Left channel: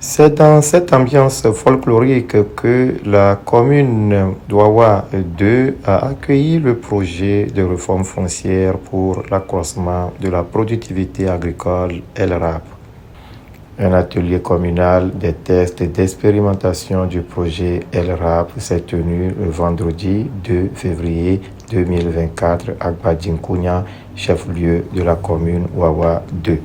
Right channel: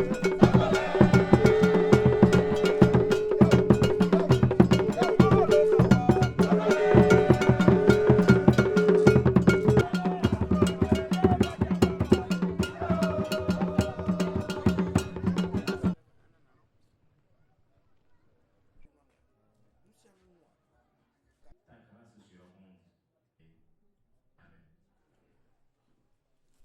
C'est dans cette ambiance folklorique que la commune d'Ouawa 2 a accueilli le projet de réforme foncière pour l'accroissement de la productivité agricole LRAP. Un atelier communal des tests et d'expérimentation du projet LRAP s'est tenu le vendredi 2 février 2024 à Badjinkounia, chef-lieu de la commune Ouawa 2.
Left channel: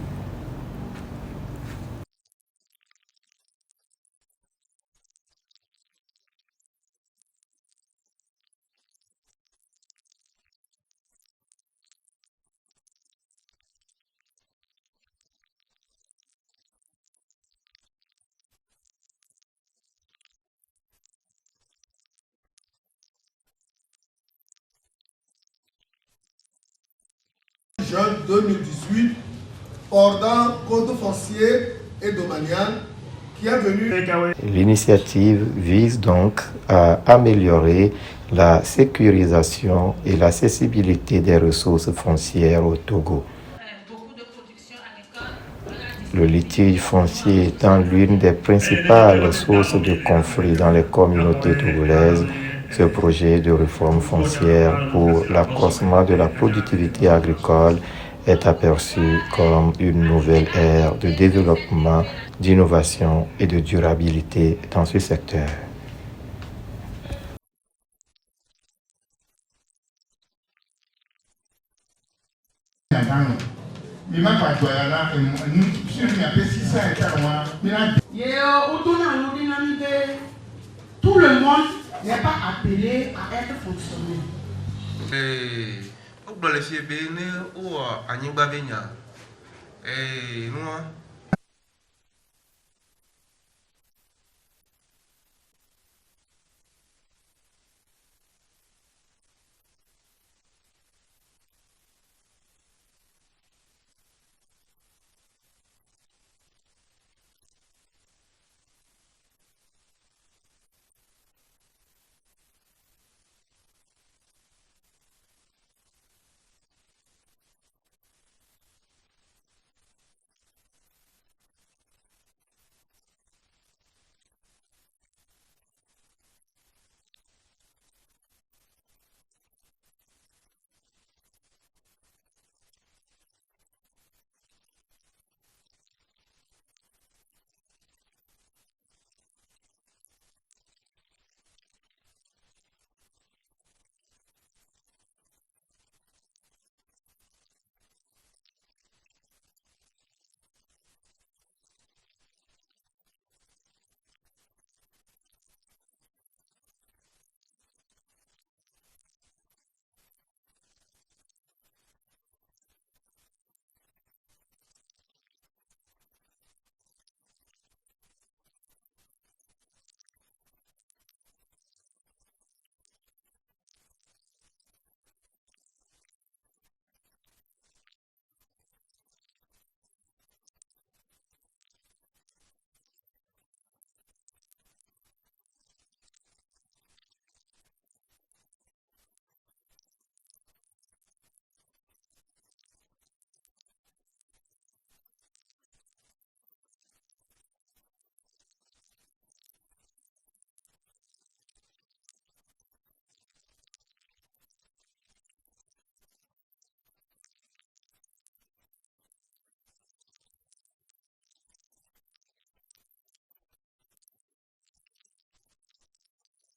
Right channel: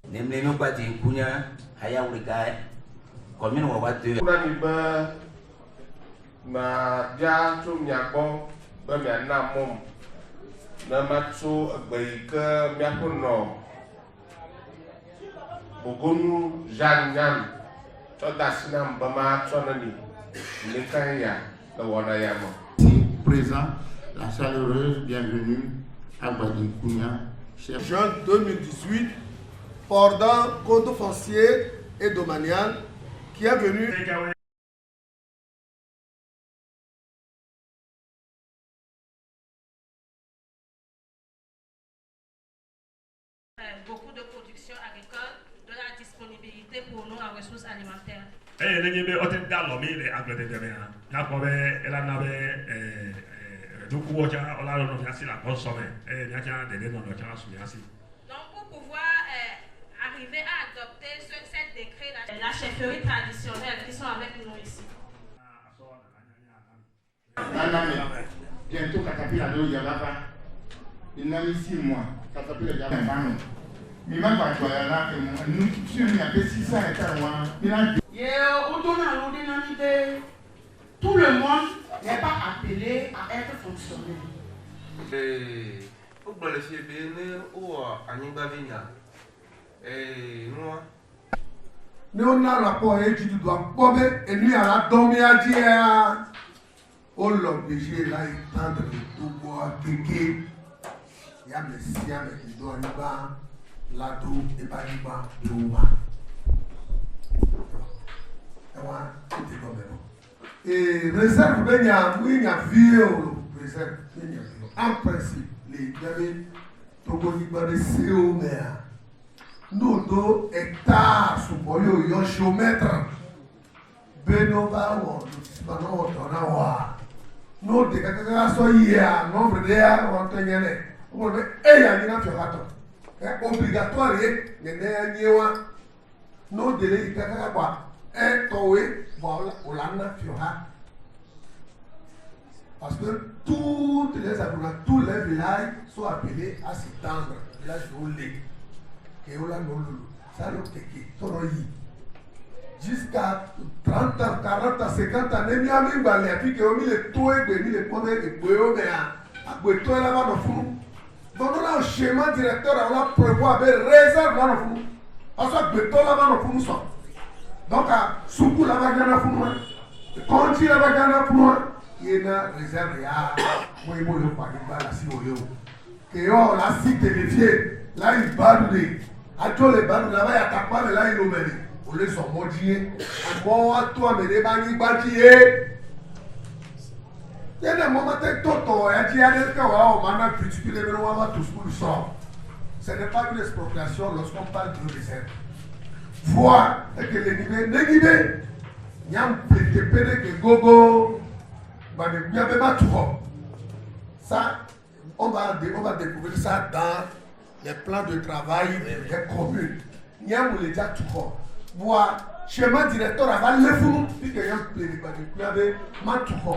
Présent, la chaleureuse bienvenue à Badjinkounia. Jeune 2018, portant code foncier et domanial qui est venu. L'initiative vise donc à améliorer la sécurisation et l'accessibilité des ressources foncières au Togo. Le litige foncier étant l'une des principales sources de conflits dans les communautés togolaises, ce projet de réforme foncière pour l'accroissement de la productivité agricole est aperçu comme une nouvelle ère de développement, d'innovation et de durabilité dans ce secteur. Tout le monde n'est pas appelé à être fonctionnaire. Nous avons un rapport et tu dois bomber et nous allons dormir à dire au l'obligé là il tente de tout boire kéké. Il y a mes siens qui doivent nous voir là tout et pas nous voir tout bas. Et réserve ben ya oui ya vieux réserve ben ya en principe les gars Togo ni ba de CO mais nous do hectare sous boyo yo géomètre beno ba wo ba no to na wa no de ka so ya nombre de ya on tenyene o be e ya ni na fi hato e obligatoire ne ne nyewa no de le ka kwa e towe parce que toutes les habitants, tous les villages sont appelés à s'étendre. Village d'Olé, et Ola Nololo, ça le Teke, Toroyi. Jusqu'à 30 ans, 40 ans, 50 ans, il y a même balai, puis qu'il y a mis les toits, il les pommes, les boyaux, mais à Boito là-bas dans le fond. Donc, on a un schéma directeur, on a prévu avec réserve là dans le fond. Ensuite, Boito là-bas dans le fond. Donc, à Soukou là-bas, il y en a pour moi. Conti là-bas, il y en a pour moi. Il y a une réserve, il y a moi, il y a un si et on la cite vérifiée. Là, il balou. À tous les balous là-bas, il y a ta part, mais là, il nous met. On les sont maudits. À moi, à toi, mais les bagnes bâtis. Il y a des moments où il y a des gens qui ont critiqué les mémoires à tous pour le sort. Ce n'est pas une expropriation lorsqu'on parle de réserve. Voir que les niveaux, il y a un petit peu de gogo, il y a pas tout. Ça, on va découvrir ça dans les plans de travail des communes. Il y a un déjà tout. Voir, schéma directeur avant le fou, puis qu'il y a un peu de tout.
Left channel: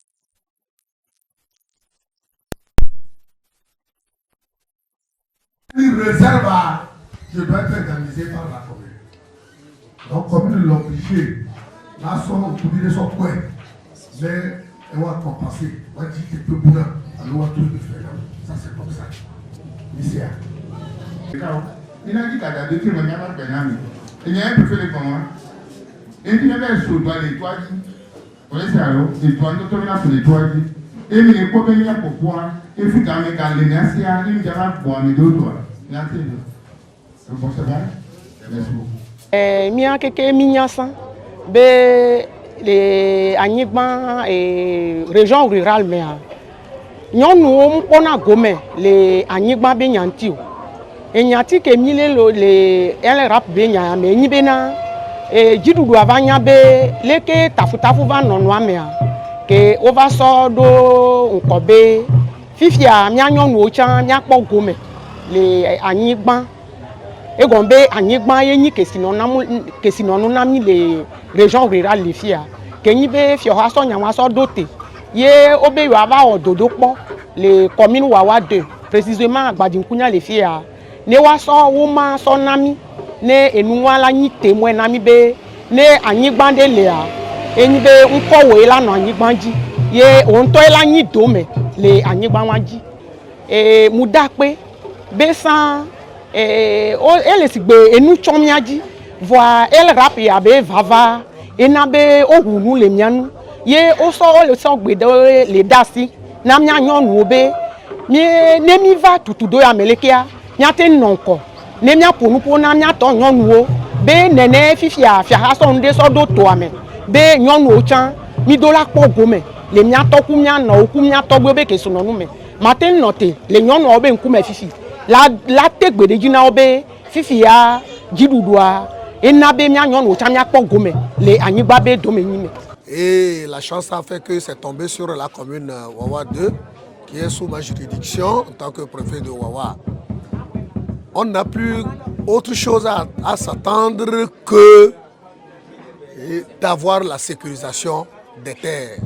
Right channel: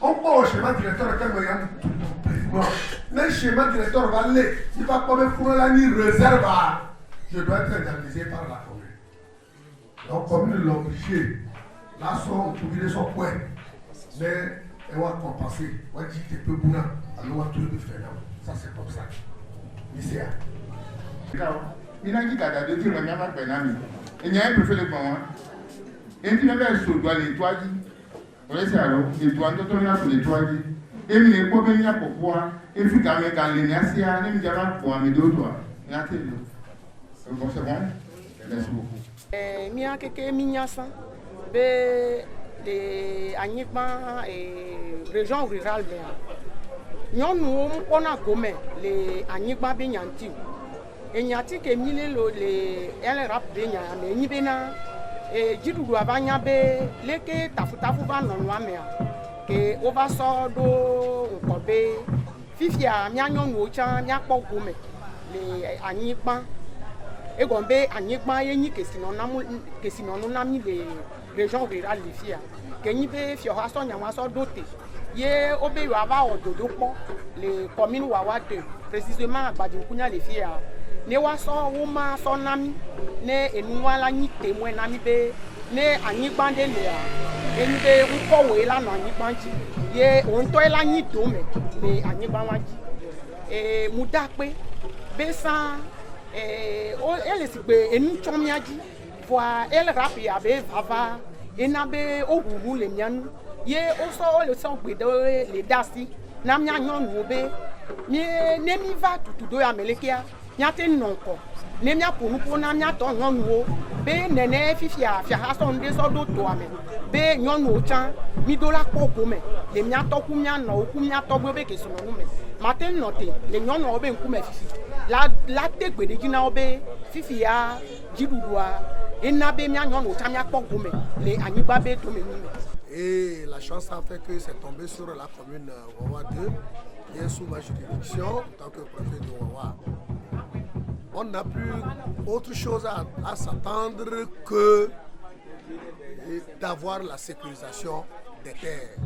On peut au schéma directeur quand il y a un tout. Le schéma directeur va aller, il va pas me fournir la nuit réserve. Je dois être indemnisé par la commune. Donc, comme ils l'ont obligé, là, son publié son point. Mais, on va compenser. On va dire que peu pour nous, on va tout faire. Ça, c'est comme ça. Ici. Il a dit qu'il y a des trucs, mais il n'y a pas de pénal. Il y a un peu de comment. Et puis, il y a un peu de toi, on est ça, et toi, notre là, pour les toi, et mais il faut venir pour quoi. Il faut quand même garder les anciens, il y a pour un deux doigts. Merci. Bon, c'est bon. Merci beaucoup. Mia keke minyasa be les anyigba et région rurale mais nyɔnuwo ŋkpɔna gome le anyigba be nyanti o enyati ke mi le LRAP be nya me nyi bena et dziɖuɖu ava nya be leke tafutafu va nɔnɔa mea ke wova sɔ ɖo ŋkɔ be fifia mía nyɔnuwo tsã míakpɔ gome le anyigba egɔme be anyigba ye nyi kesinɔnu na mí le région rurale le fia ke nyi be fiɔha sɔ nyama sɔ ɖo te ye wobe yewoava wɔ dodokpɔ le commune Wawa 2 précisément Agbadinkunya le fia ne woasɔ woma sɔ na mí ne enua la nyi témoin na mí be ne anyigba ɖe lea enyi be ŋkɔwoe la nɔ anyigba dzi ye wo ŋutɔ la nyi dome le anyigba wa dzi mu da kpe be sã ele si gbe enu tsɔ mía dzi voa ele rap ya be vava ena be wohu nu le mía nu ye wole sɔ gbe ɖe le da asi na mía nyɔnuwo be ne mi va tutu do ya me lekea míate nɔ ŋkɔ ne míaƒo nu ƒo na míatɔ nyɔnuwo be nene fifia fiaha sɔ nu ɖe sɔ ɖo toa me be nyɔnuwo tsã mi do la kpɔ gome le míatɔ ku míanɔwo ku míatɔgbewo be kesinɔnu me mate nɔ te le nyɔnuawo be ŋkume fifi la te gbe ɖe dzi na wo be fifia dziɖuɖua ena be mía nyɔnuwo tsã míakpɔ gome le anyigba be dome nyi me. Et la chance a fait que c'est tombé sur la commune Wawa 2 qui est sous ma juridiction en tant que préfet de Wawa. On n'a plus autre chose à s'attendre que d'avoir la sécurisation des terres.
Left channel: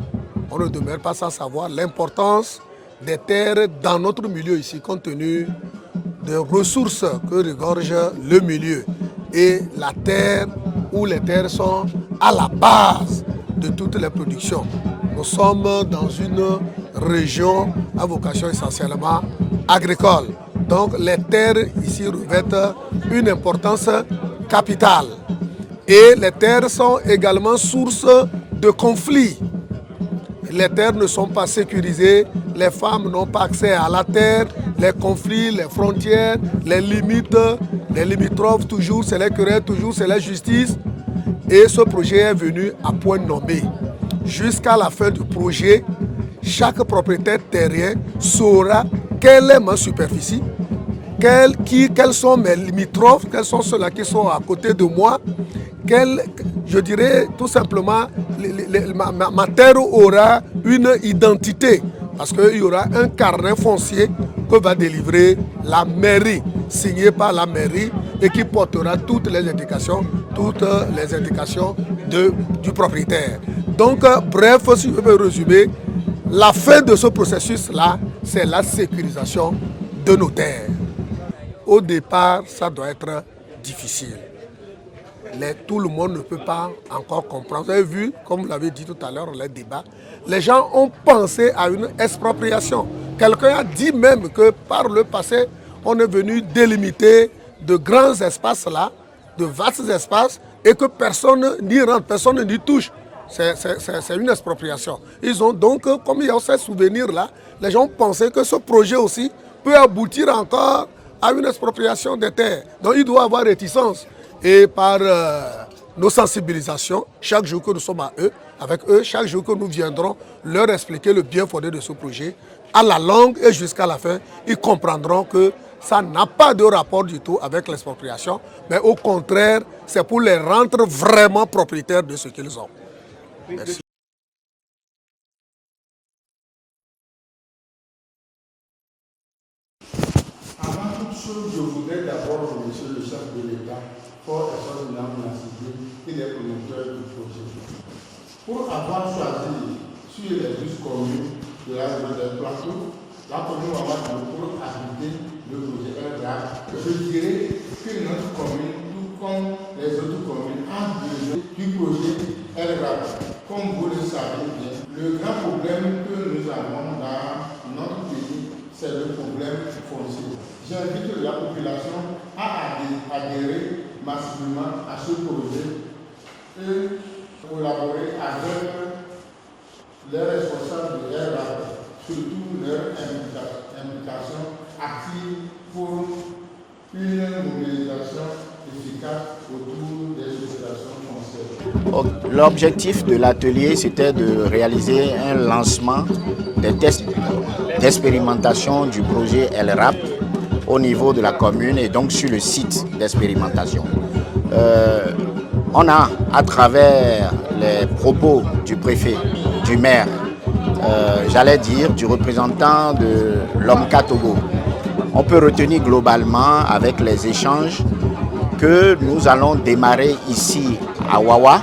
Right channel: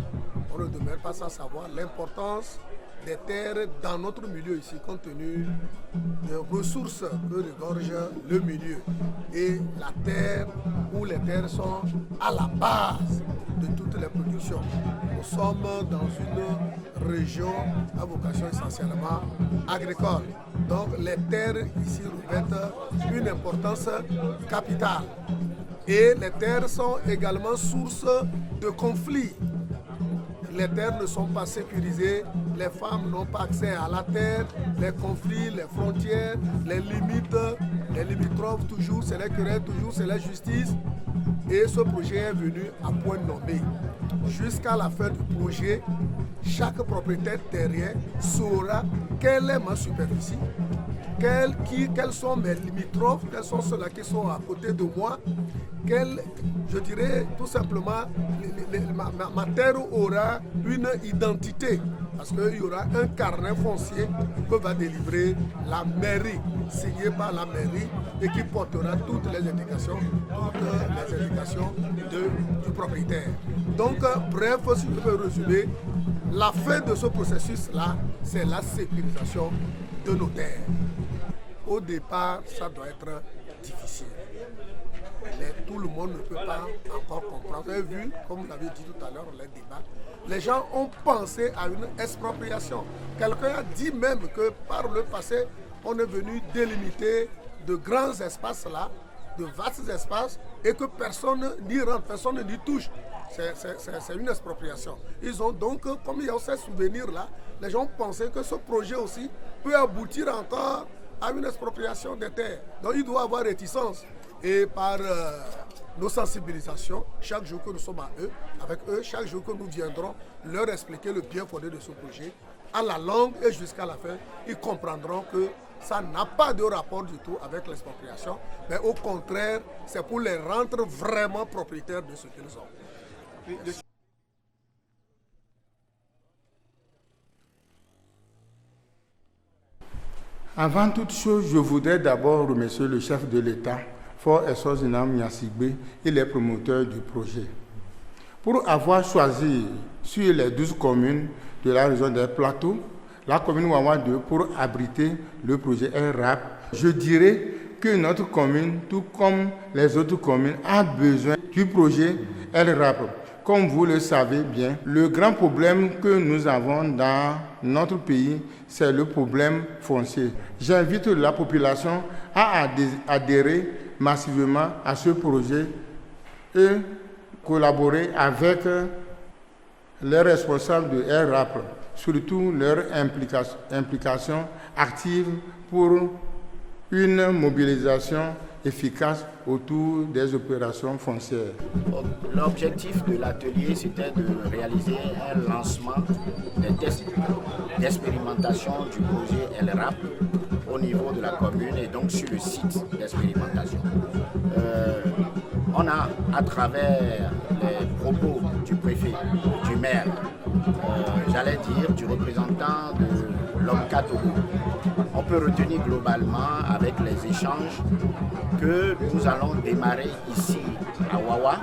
On ne demeure pas sans savoir l'importance des terres dans notre milieu ici, compte tenu des ressources que regorge le milieu. Et la terre, où les terres sont à la base de toutes les productions. Nous sommes dans une région à vocation essentiellement agricole. Donc les terres ici revêtent une importance capitale. Et les terres sont également source de conflits. Les terres ne sont pas sécurisées, les femmes n'ont pas accès à la terre, les conflits, les frontières, les limites, les limitrophes, toujours c'est les querelles, toujours c'est la justice. Et ce projet est venu à point nommé. Jusqu'à la fin du projet, chaque propriétaire terrien saura quelle est ma superficie, quels sont mes limitrophes, quels sont ceux-là qui sont à côté de moi. Je dirais tout simplement, ma terre aura une identité parce qu'il y aura un carnet foncier que va délivrer la mairie, signé par la mairie et qui portera toutes les indications du propriétaire. Donc, bref, si je peux résumer, la fin de ce processus-là, c'est la sécurisation de nos terres. Au départ, ça doit être difficile. Tout le monde ne peut pas encore comprendre. Vous avez vu, comme vous l'avez dit tout à l'heure, les débats, les gens ont pensé à une expropriation. Quelqu'un a dit même que par le passé, on est venu délimiter de grands espaces là, de vastes espaces, et que personne n'y rentre, personne n'y touche. C'est une expropriation. Ils ont donc, comme il y a ces souvenirs-là, les gens pensaient que ce projet aussi peut aboutir encore à une expropriation des terres. Donc il doit y avoir réticence. Et par nos sensibilisations, chaque jour que nous sommes avec eux, chaque jour que nous viendrons leur expliquer le bien fondé de ce projet, à la longue et jusqu'à la fin, ils comprendront que ça n'a pas de rapport du tout avec l'expropriation, mais au contraire, c'est pour les rendre vraiment propriétaires de ce qu'ils ont. Merci. Avant toute chose, je voudrais d'abord remercier le chef de l'État, Fort Essozinam Nyasigbe, et les promoteurs du projet. Pour avoir choisi sur les 12 communes de la région des Plateaux, la commune Wawa 2 pour abriter le projet RAP, je dirais que notre commune, tout comme les autres communes, a besoin du projet RAP. Comme vous le savez bien, le grand problème que nous avons dans notre pays, c'est le problème foncier. J'invite la population à adhérer massivement à ce projet et collaborer avec les responsables de RAP, surtout leur implication active pour une mobilisation efficace autour des opérations foncières. L'objectif de l'atelier, c'était de réaliser un lancement des tests d'expérimentation du projet LRAP au niveau de la commune et donc sur le site d'expérimentation. On a, à travers les propos du préfet, du maire, j'allais dire du représentant de l'OMCA Togo, on peut retenir globalement avec les échanges que nous allons démarrer ici à Wawa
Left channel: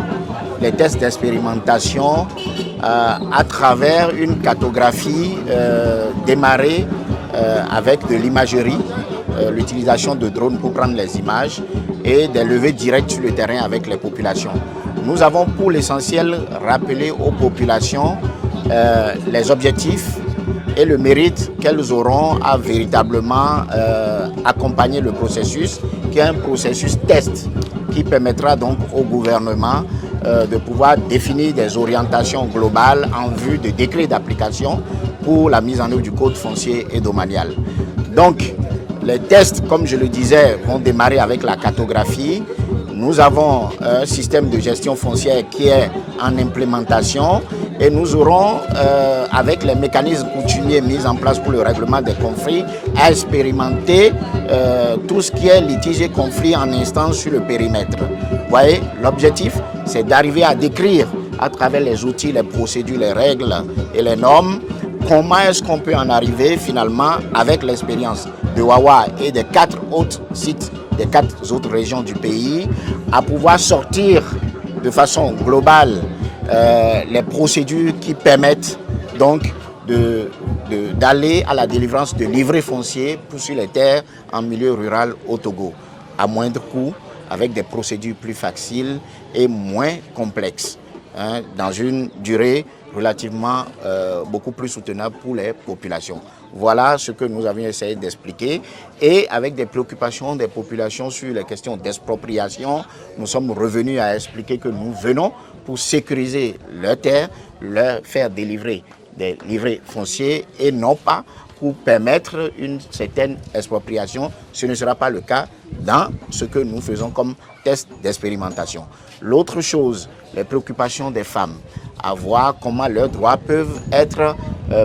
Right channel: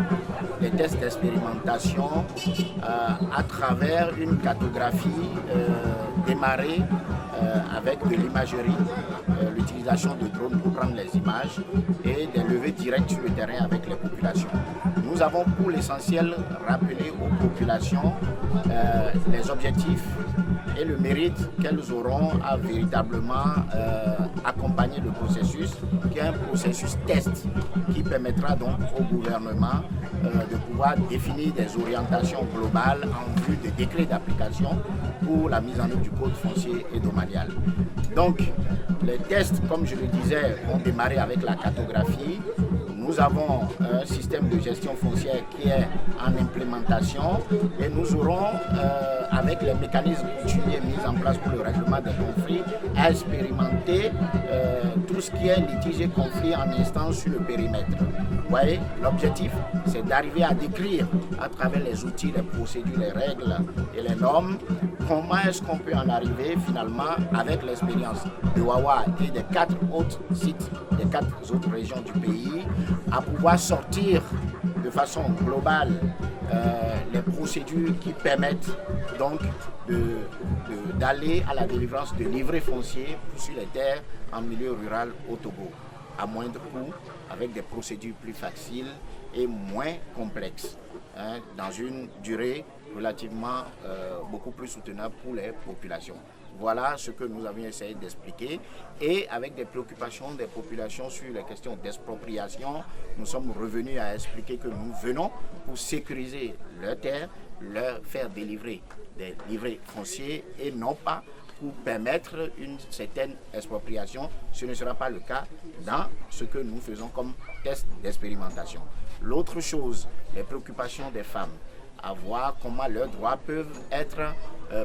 les tests d'expérimentation à travers une cartographie démarrée avec de l'imagerie, l'utilisation de drones pour prendre les images et des levées directes sur le terrain avec les populations. Nous avons pour l'essentiel rappelé aux populations les objectifs et le mérite qu'elles auront à véritablement accompagner le processus, qui est un processus test qui permettra donc au gouvernement de pouvoir définir des orientations globales en vue de décrets d'application pour la mise en œuvre du code foncier et domanial. Donc, les tests, comme je le disais, vont démarrer avec la cartographie. Nous avons un système de gestion foncière qui est en implémentation et nous aurons, avec les mécanismes coutumiers mis en place pour le règlement des conflits, à expérimenter tout ce qui est litige et conflit en instance sur le périmètre. Vous voyez, l'objectif, c'est d'arriver à décrire à travers les outils, les procédures, les règles et les normes, comment est-ce qu'on peut en arriver finalement avec l'expérience de Wawa et des 4 autres sites, des 4 autres régions du pays, à pouvoir sortir de façon globale les procédures qui permettent donc d'aller à la délivrance de livrets fonciers sur les terres en milieu rural au Togo, à moindre coût, avec des procédures plus faciles et moins complexes, hein, dans une durée relativement beaucoup plus soutenable pour les populations. Voilà ce que nous avions essayé d'expliquer. Et avec des préoccupations des populations sur les questions d'expropriation, nous sommes revenus à expliquer que nous venons pour sécuriser leurs terres, leur faire délivrer des livrets fonciers et non pas pour permettre une certaine expropriation. Ce ne sera pas le cas dans ce que nous faisons comme test d'expérimentation. L'autre chose, les préoccupations des femmes, à voir comment leurs droits peuvent être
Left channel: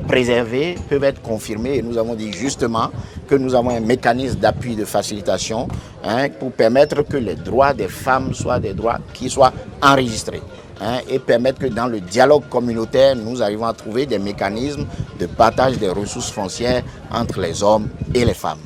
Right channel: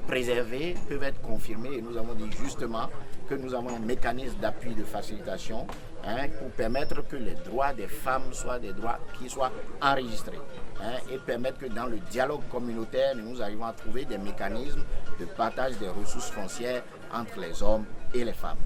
préservés, peuvent être confirmés. Et nous avons dit justement que nous avons un mécanisme d'appui de facilitation, hein, pour permettre que les droits des femmes soient des droits qui soient enregistrés. Hein, et permettre que dans le dialogue communautaire, nous arrivons à trouver des mécanismes de partage des ressources foncières entre les hommes et les femmes.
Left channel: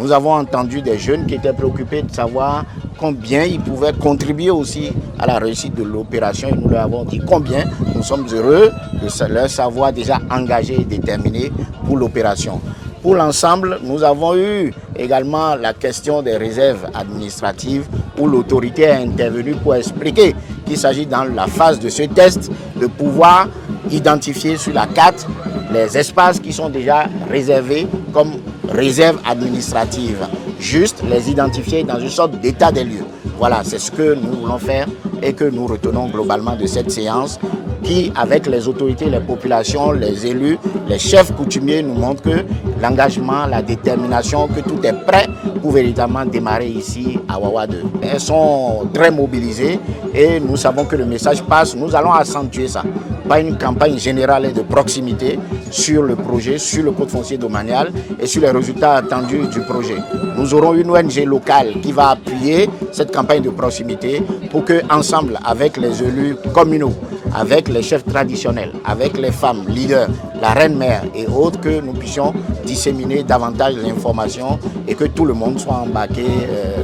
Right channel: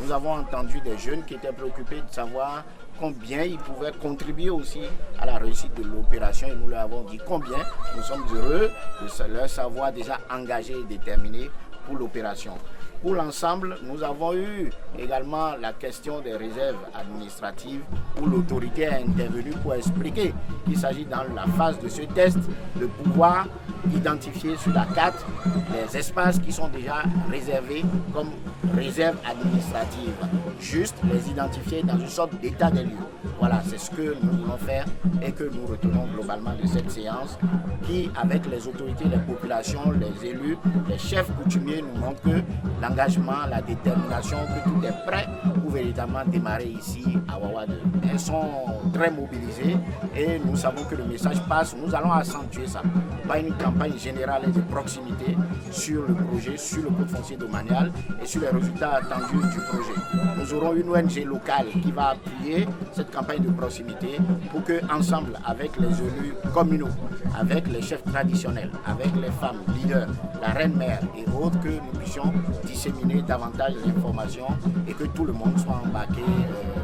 Nous avons entendu des jeunes qui étaient préoccupés de savoir combien ils pouvaient contribuer aussi à la réussite de l'opération. Et nous leur avons dit combien nous sommes heureux de leur savoir déjà engagé et déterminé pour l'opération. Pour l'ensemble, nous avons eu également la question des réserves administratives où l'autorité est intervenue pour expliquer qu'il s'agit dans la phase de ce test de pouvoir identifier sur la carte les espaces qui sont déjà réservés comme réserves administratives. Juste les identifier dans une sorte d'état des lieux. Voilà, c'est ce que nous voulons faire et que nous retenons globalement de cette séance qui, avec les autorités, les populations, les élus, les chefs coutumiers, nous montre que l'engagement, la détermination, que tout est prêt pour véritablement démarrer ici à Wawa 2. Elles sont très mobilisées et nous savons que le message passe. Nous allons accentuer ça. Pas une campagne générale et de proximité sur le projet, sur le code foncier domanial et sur les résultats attendus du projet. Nous aurons une ONG locale qui va appuyer cette campagne de proximité pour que, ensemble, avec les élus communaux, avec les chefs traditionnels, avec les femmes leaders, la reine-mère et autres, que nous puissions disséminer davantage l'information et que tout le monde soit embarqué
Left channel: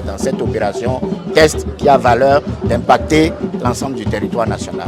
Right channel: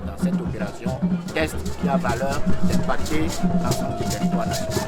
dans cette opération test qui a valeur d'impacter l'ensemble du territoire national.